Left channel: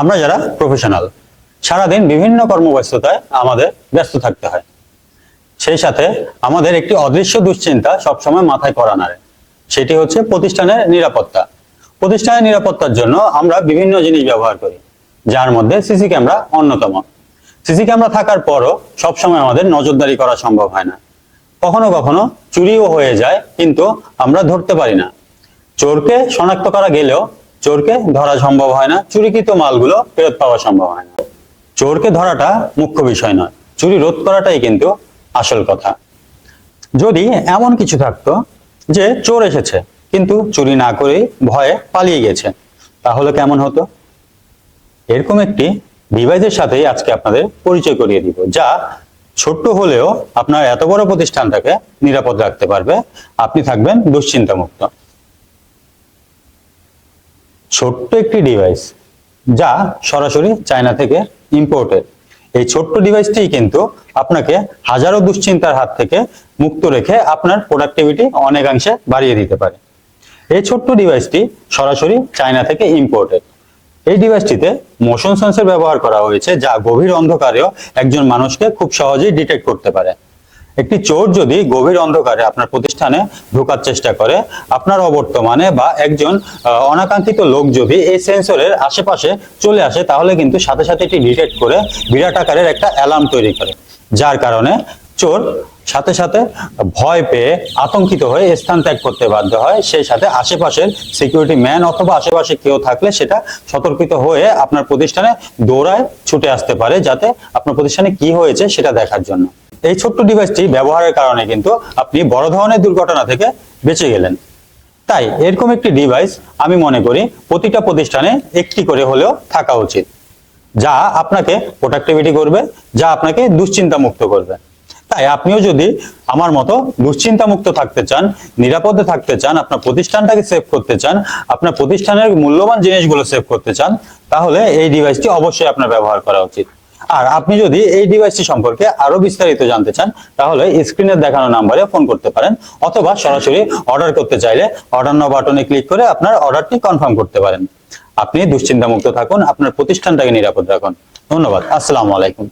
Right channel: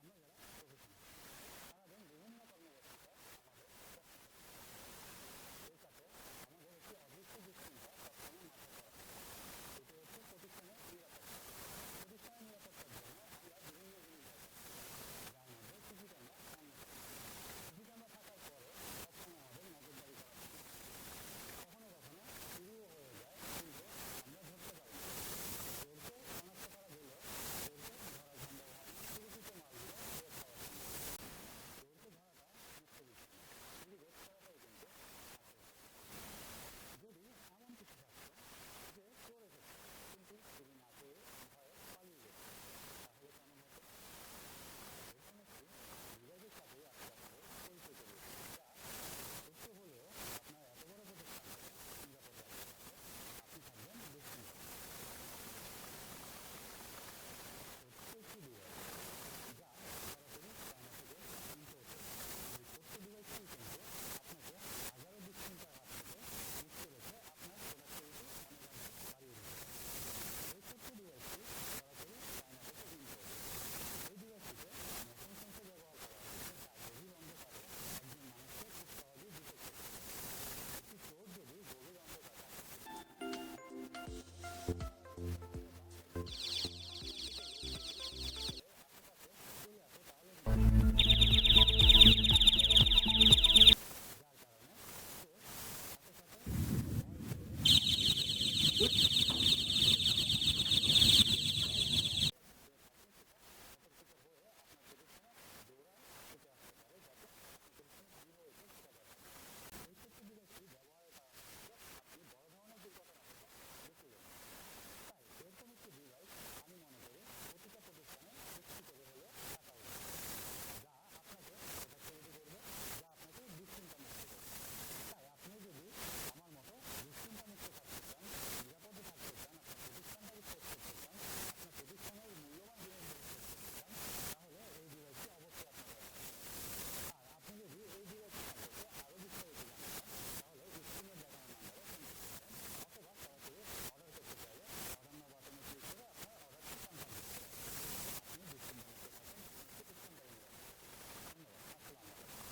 আমরা যারা প্রফেশনাল সারাদিন বিভিন্ন কর্মব্যস্ততায় আমাদের ব্যস্ত থাকতে হয়। সেই সাথে আমাদের একটি অদৃশ্য দুশ্চিন্তা সবসময় মাথায় করা নাড়ে সেটি হচ্ছে প্রতিষ্ঠানের নিরাপত্তা। প্রতিষ্ঠানের নিরাপত্তার জন্য আমরা বিভিন্ন জিনিস ব্যবহার করি, যার মধ্যে সিসি ক্যামেরা অন্যতম। সিসি ক্যামেরা থাকার পরও সবসময় আমাদের নজরদারি করা সম্ভব হয় না। কখনো কখনো চুরিও হয়ে যায়, কিন্তু আমরা ধরতে পারি না। চোরকে শনাক্ত করা গেলেও চোরকে ধরা সম্ভব হয় না, চুরিকৃত মালগুলো ফেরত পাওয়া সম্ভব হয় না। চোরকে ধরাটা মুখ্য বিষয় নয়, চুরি রোধ করাটাই কিন্তু আসল কথা। যদি এমন কিছু থাকতো যে চোর এসেছে, কিন্তু চুরি না করেই ভয়ে পালিয়ে গেছে, তাহলে কেমন হতো? এরকম একটি ডিভাইসের সাথেই আজকে আপনাদের পরিচয় করিয়ে দিব, যা ছোট্ট হলেও আপনার এত বড় প্রতিষ্ঠানটাকে নিরাপদ রাখতে পারবে। আপনি থাকবেন দুশ্চিন্তা মুক্ত ছোট্ট একটি ডিভাইস যা সরাসরি চায়না থেকে ইম্পোর্টেড এই ছোট্ট ডিভাইসটি কিন্তু আপনাকে হাজারো দুশ্চিন্তার হাত থেকে মুক্ত রেখে আপনার প্রোডাক্টিভিটি অনেকাংশে বাড়িয়ে দিতে পারে। এই ছোট্ট ডিভাইসটি সরাসরি চায়না থেকে ইম্পোর্টেড এই ডিভাইসটিতে মোশন সেন্সর ব্যবহার করা হয়েছে, যা গভীর অন্ধকারেও একজন মানুষকে খুব সহজেই ডিটেক্ট করতে পারে। একটি চোর যদি গভীর অন্ধকারে আপনার প্রতিষ্ঠানে ঢোকার চেষ্টা করে, আপনার অবর্তমানে বা একজন অনাকাঙ্ক্ষিত লোক যদি এই সেন্সরের আশেপাশে চলে আসে, তাহলে কিন্তু সাথে সাথে এটি ডিটেক্ট করে বিরাট আকারের একটা অ্যালার্ম তৈরি করে। যার কারণে চোর সাথে সাথে ভয় পেয়ে আতঙ্কিত হয়ে স্থান ত্যাগ করতে বাধ্য হয়। সেই সাথে আশেপাশের সিকিউরিটি ম্যান অথবা আশেপাশে কেউ থাকলে সেটা সতর্কিত হয়ে আপনার প্রতিষ্ঠানে দৌড়ায় ছুটে আসতে পারে, যাতে আপনার প্রতিষ্ঠানে কি হয়েছে সেটা দেখার জন্য। এই ছোট্ট ডিভাইসটি ব্যবহারের কারণে কিন্তু আপনি বড় ধরনের দুর্ঘটনা থেকে বেঁচে গেলেন। তাই এরকম একটি ডিভাইস আমি মনে করি প্রতিটা প্রতিষ্ঠানে একটি করে হলেও থাকা উচিত, যা আপনাকে প্রোডাক্টিভিটি করবে, যা আপনাকে দুশ্চিন্তা মুক্ত করবে। তাই আপনিও যদি আমার মতো দুশ্চিন্তা মুক্ত থাকতে চান, নিরাপদে থাকতে চান, আপনার প্রতিষ্ঠানটাকে সেভ করতে চান, আপনার প্রতিষ্ঠানের মূল্যবান জিনিসগুলো সেভ করতে চান, তাহলে এই ডিভাইসটি অবশ্যই আপনার ব্যবহার করা উচিত। আর আপনি যদি এই ডিভাইসটি সম্পর্কে আরও বিস্তারিত জানতে চান, তাহলে স্ক্রিনে দেখানো নাম্বারে ফোন করতে পারেন, অথবা সরাসরি অর্ডার করতে চাইলে অর্ডার নাও বাটনে ক্লিক করে আপনার অর্ডারটি কনফার্ম করতে পারেন। আপনি দুশ্চিন্তা মুক্ত থাকুন, আপনার প্রতিষ্ঠানটাকে নিরাপদ রাখুন। ধন্যবাদ, আসসালামু আলাইকুম।